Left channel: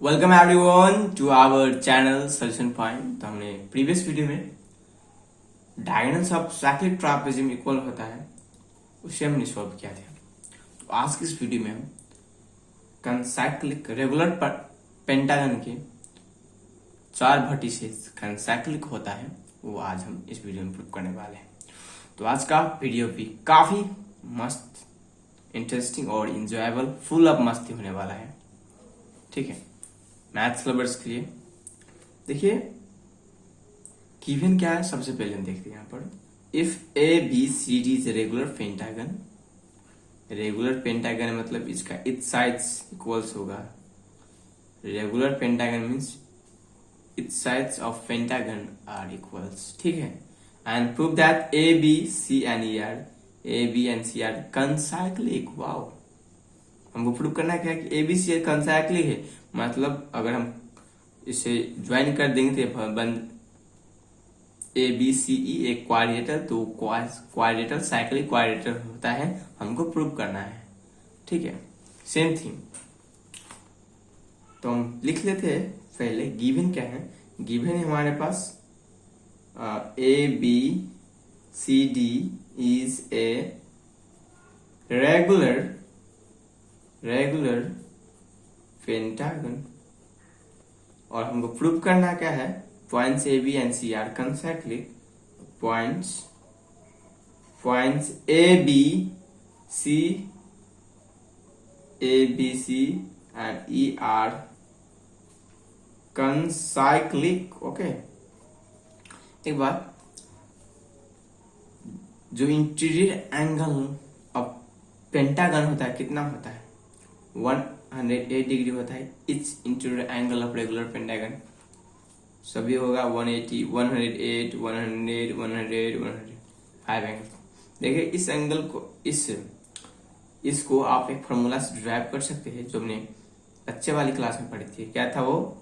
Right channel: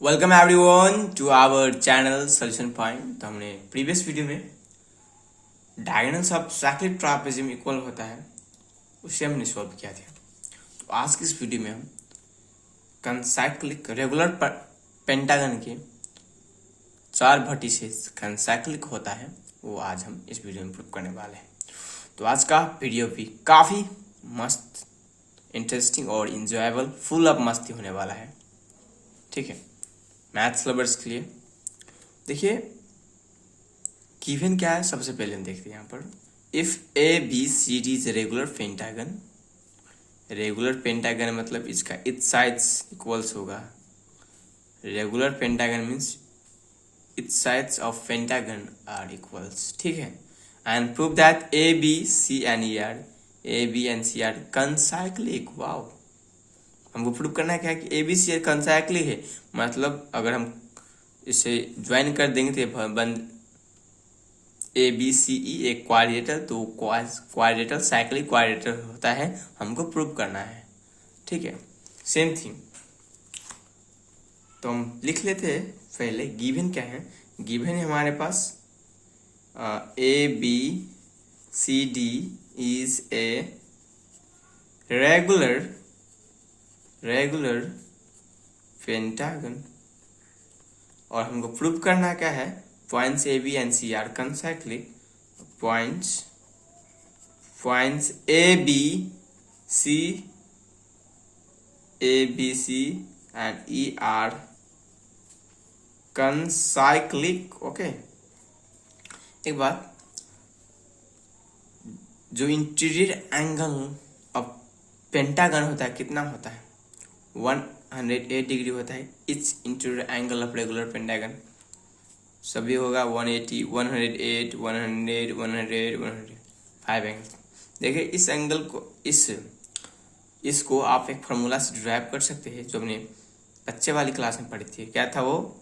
Welcome everyone to our channel solution point. तो हमने previous video में diagonals of cyclic trapezium equal होता है उसे हमने सॉल्व किया था। तो आज की इस वीडियो में हम कंसाइक्लिक रेगुलर पेंटागन के चार वर्टिसेस कंसाइक्लिक होता है वो आज हम इस वीडियो में प्रूव करने वाले हैं। तो आज का वीडियो भी काफ़ी मस्त, इंटरेस्टिंग और इंजॉयबल, फुल ऑफ मस्ती होने वाला है। ठीक है, मैथ्स लवर्स के लिए देखिए गिवन क्या है। सबसे पहले हम देखते हैं यहाँ पर if A B C D is regular pentagon. Regular pentagon मतलब इसका इच साइड्स इक्वल्स होगा। Regular pentagon means each sides of pentagon are equals. ठीक है, and prove that A B C and C are concyclic. Wow, हमको prove करना क्या है कि ए बी सी कंसाइक्लिक है। मतलब अगर हम इसे ज्वाइन कर देंगे तो बन ए बी सी ई एक क्वाड्रेटर, तो क्वाड्रेटर साइक्लिक क्वाड्रेटर होता है, हमको प्रूव करना है। ठीक है, सेम थी। तो हम लिख लेते हैं पहले गिवन क्या है। गिवन है हमारे पास A B C D is a regular pentagon, और हमको प्रूव करना क्या है, points A B and C are concyclic. Points A B C and E are concyclic. Okay, एक बात, जो इंटीरियर एंगल ऑफ पेंटागन होता है कितना होता है, 108 डिग्री होता है। Etch interior angle of regular pentagon सभी होगा 180, 108, 100, 100, 5 एंगल। देखिए इस एंगल को इसको आप एक फार्मूला से ड्राइव कर सकते हैं, जो हमने बच्चे वाली क्लास में पढ़ी थी। क्या था वो,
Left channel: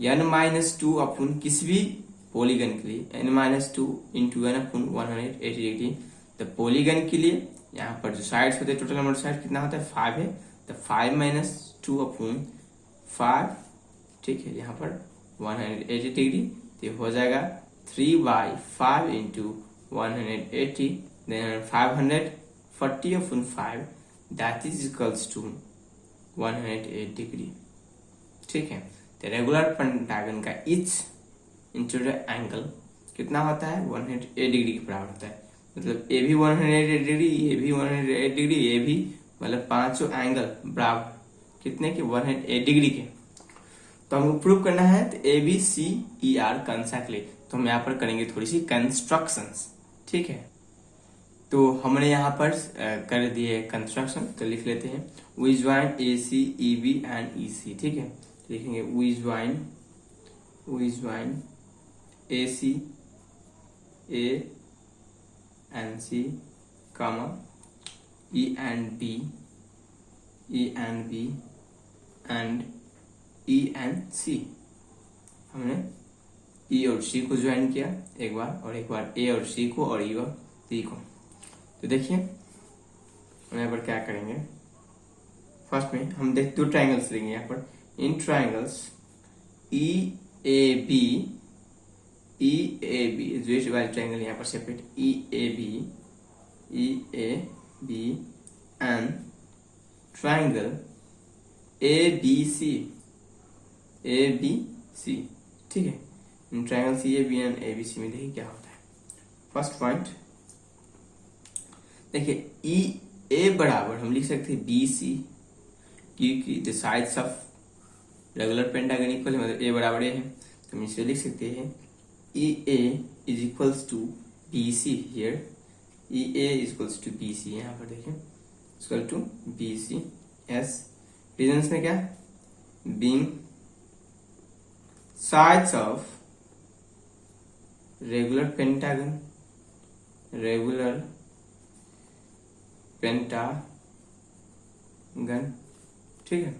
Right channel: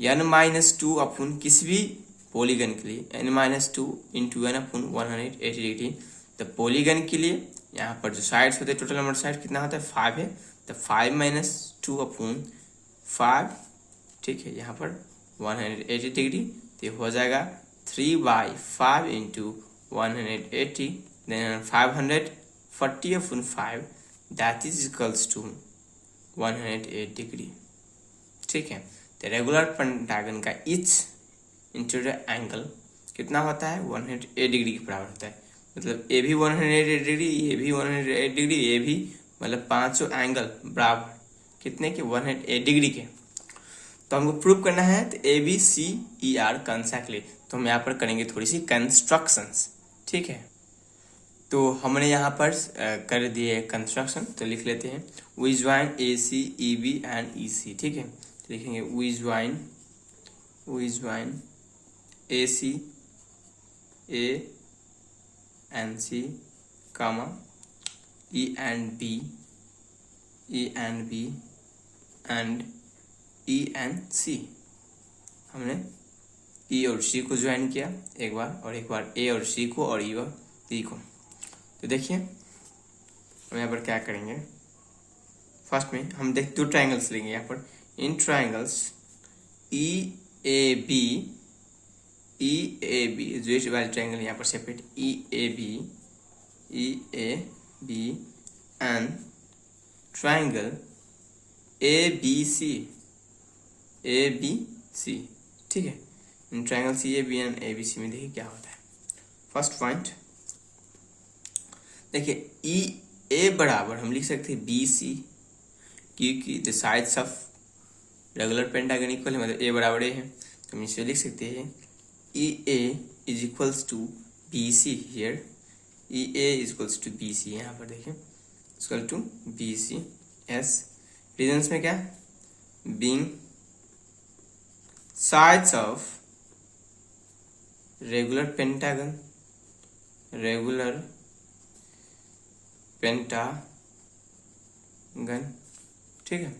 n-2 अपन किसी भी पॉलीगन के लिए n-2 इंटू n अपन 180 डिग्री। तो पॉलीगन के लिए यहाँ पर जो साइड्स होते हैं, टोटल नंबर साइड कितना होता है, 5 है। तो 5 - 2 अपन 5। ठीक है, यहाँ पर 180 डिग्री, तो हो जाएगा 3/5 into 180, then 540 upon 5, that is equals to 108 degree. ठीक है, तो रेगुलर पेंटागन का इच इंटीरियर एंगल कितना होता है, 108 डिग्री के बराबर होता है। मतलब ए भी 108 डिग्री, ये भी 108 डिग्री, ये भी, मतलब पांचों एंगल बराबर कितने के, 108 डिग्री के। तो हमको प्रूव करना है तो ए बी सी ई आर कंसाइक्लिक। तो हम यहाँ पर करेंगे थोड़ी सी कंस्ट्रक्शंस। ठीक है, तो हमने यहाँ पर कर दिए कंस्ट्रक्शन, तो लिख लेते हैं we join A C E B and E C. ठीक है, तो लिखेंगे we join A C A and C, comma E and B and E and C। हमने E और C को ज्वाइन किया एक बार, और एक बार A और C को, और E और B को। तो देखिए हम यहाँ पर क्या करेंगे, फर्स्ट में हम देख 2 ट्राइंगल्स लेंगे यहाँ पर। इन ट्राइंगल्स E A B जो इस वाले ट्राइंगल यहाँ पर separate E A B and triangle ABC। ठीक है, in triangle CAB and ABC में देखिए क्या होता है। फर्स्ट पॉइंट देखिए EA बराबर हम लिख सकते हैं BC, क्योंकि the sides of regular pentagon equal है, मतलब A बराबर A है, तो हम इसे लिख सकते हैं EA is equals to BC। Here EA is equals to BC, यहाँ पर देखिए equal to BC। Yes, reasons में क्या, being sides of regular pentagon. ठीक है,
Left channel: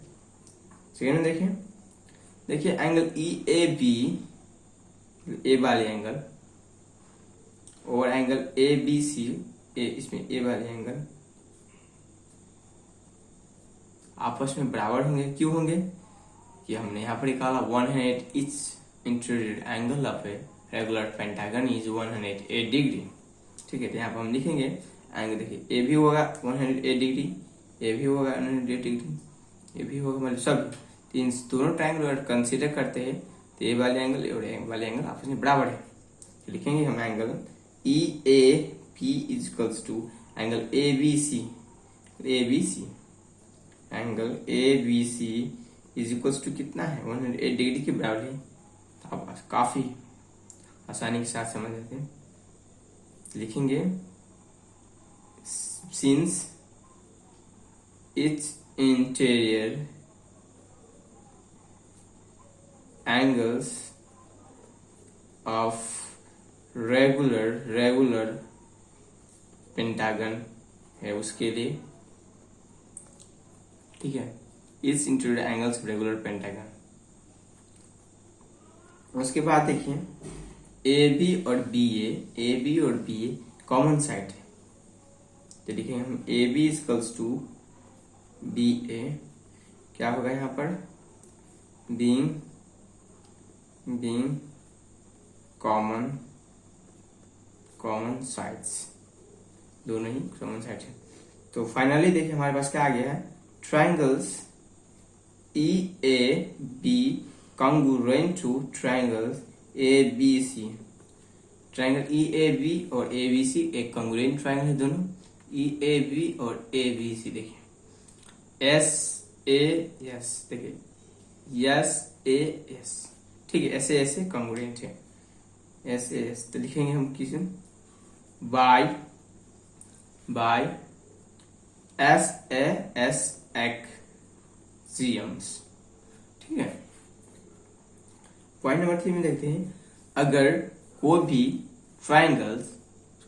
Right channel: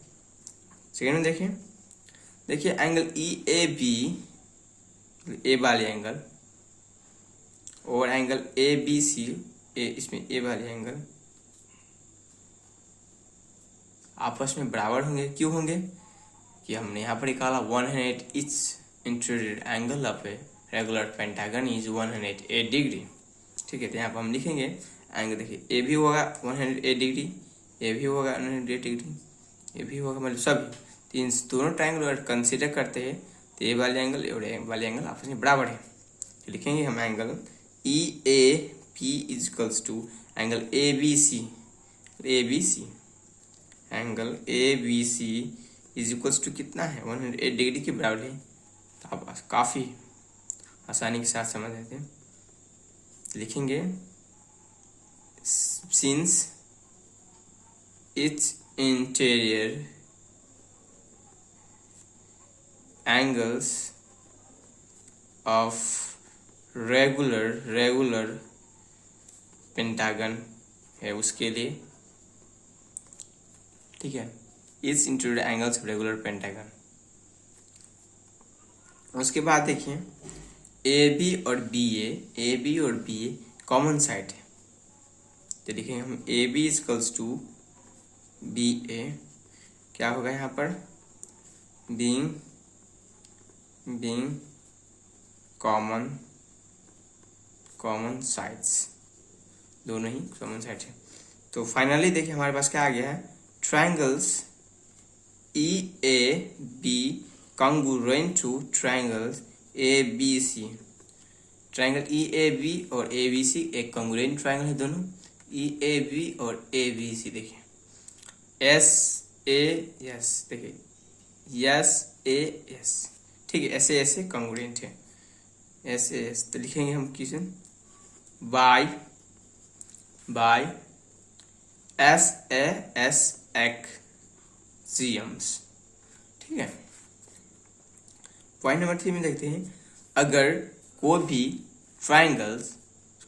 सेकेंड में देखिए एंगल EAB, ए वाले एंगल, और एंगल ABC, इसमें ए वाले एंगल आपस में बराबर होंगे। क्यों होंगे, कि हमने यहाँ पर निकाला 108 etch interior angle of A regular pentagon is 108 degree. ठीक है, तो यहाँ पर हम लिखेंगे एंगल, देखिए ए भी होगा 108 डिग्री, ए भी होगा 108 डिग्री, ये भी होगा, मतलब सभी तीन दोनों ट्रायंगल अगर कंसीडर करते हैं तो ये वाले एंगल और ये वाले एंगल आपस में बराबर है। तो लिखेंगे हम angle E A P is equals to angle A B C, angle A B C is equals to कितना है 108 डिग्री के बराबर है। तो आप काफ़ी आसानी के साथ समझ लेते हैं। लिखेंगे since it's interior angles of regular pentagon है उसके लिए, ठीक है, इस interior angles of regular pentagon. उसके बाद देखिए ए बी और बी ए कॉमन साइड है, तो लिखेंगे हम A B equals to B A, क्या होगा यहाँ पर बीइंग कॉमन साइड्स, दोनों ही कॉमन साइड है। तो फाइनली देखिए हमारे पास क्या आ गया है, triangles E A B congruent to triangles A B C. Triangle E A B और ए बी सी एक congruent ट्रायंगल है, दोनों ई ए बी और ए बी सी। देखिए एस ए एस, देखिए एस ए एस, ठीक है, ऐसे ऐसे कॉन्ग्रुएंट है, ऐसे एस। तो लिखेंगे हम किस by S A S axioms. ठीक है, पॉइंट नंबर 3 में देखते हैं, अगर कोई भी ट्राइंगल्स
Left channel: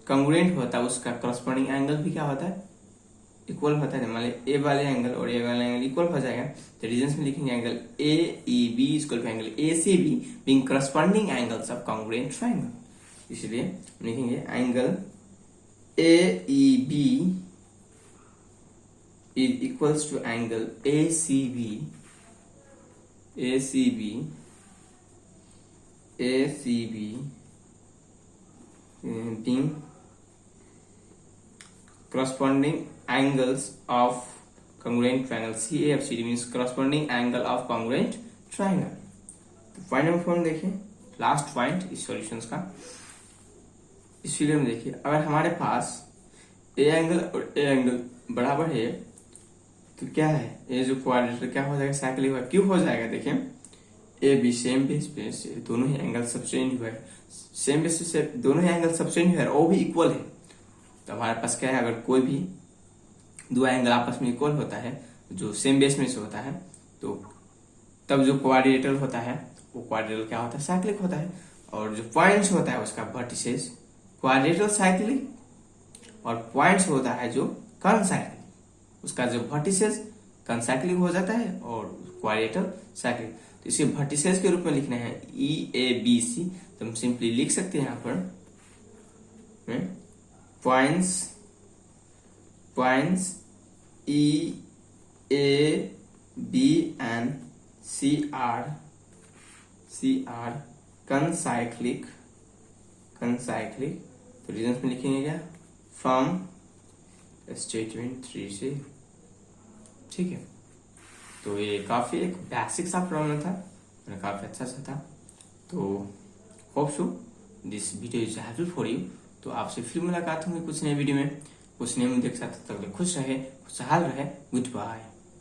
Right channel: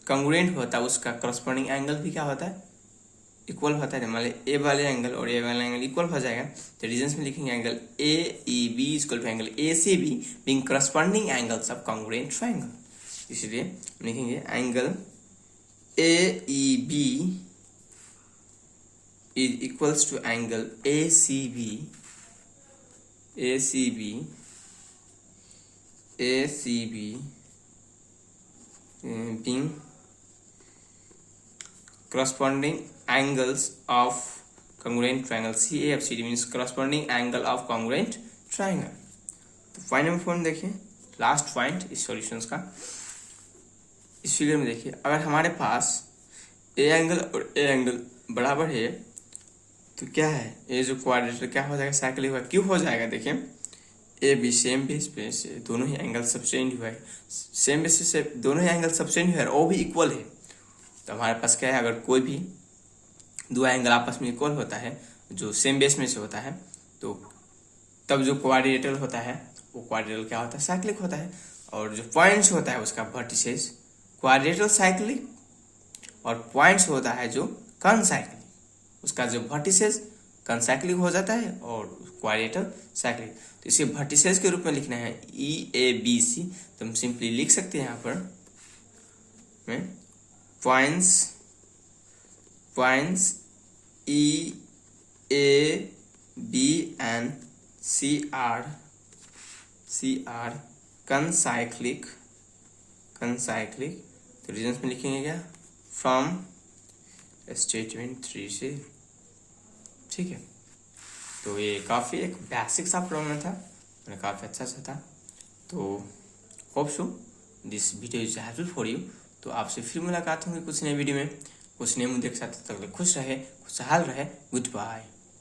कॉन्ग्रुएंट होता है उसका करस्पॉन्डिंग एंगल भी क्या होता है, इक्वल होता है। मान लीजिए ए वाले एंगल और ए वाला एंगल इक्वल हो जाएगा, तो रीजंस में लिखेंगे angle A E B equal to angle A C B being corresponding angles of congruent triangle. इसलिए हम लिखेंगे angle A E B is equals to angle A C B being corresponding angles of congruent triangle CAFCD means corresponding angle of congruent triangle। तो point number 4 देखिए, last point इस solutions का। इस figure में देखिए, अगर हमारे पास ए एंगल और ए एंगल बराबर है तो क्या है, ये जो क्वाड्रेटर क्या हो जाएगा, साइक्लिक क्यों हो जाएगा। देखिए ए बी सेम बेस पे से दोनों ही एंगल सबटेंड हुआ है, सेम बेस से दोनों ही एंगल सबटेंड हुआ है और वो भी इक्वल है। तो हमारे पास क्या है, अगर कोई भी दो एंगल आपस में इक्वल होता है जो सेम बेस में से होता है, तो तब जो क्वाड्रिलेटरल होता है वो क्वाड्रिलेटरल क्या होता है, साइक्लिक होता है। और जो पॉइंट्स होता है उसका वर्टिसेस क्वाड्रिलेटरल साइक्लिक, और पॉइंट्स होता है जो कॉनसाइक्लिक, उसका जो वर्टिसेस कॉनसाइक्लिक हो जाता है और क्वाड्रिलेटरल साइक्लिक। तो इसे वर्टिसेस के रूप में लिखना है ई ए बी सी, तो हम सिंपली लिख सकते हैं यहाँ पर points E A B and C are concyclic। तो रीजंस में लिखेंगे क्या, फ्रॉम स्टेटमेंट 3 से। ठीक है, तो ये काफ़ी एक बेसिक सा प्रॉब्लम था, काफ़ी अच्छा सा था। तो hope so this video is helpful for you. तो आपसे फिर मुलाकात होंगी कुछ नए वीडियो में, कुछ नए मुद्दे के साथ। तब तक खुश रहे, खुशहाल रहे, गुड बाय।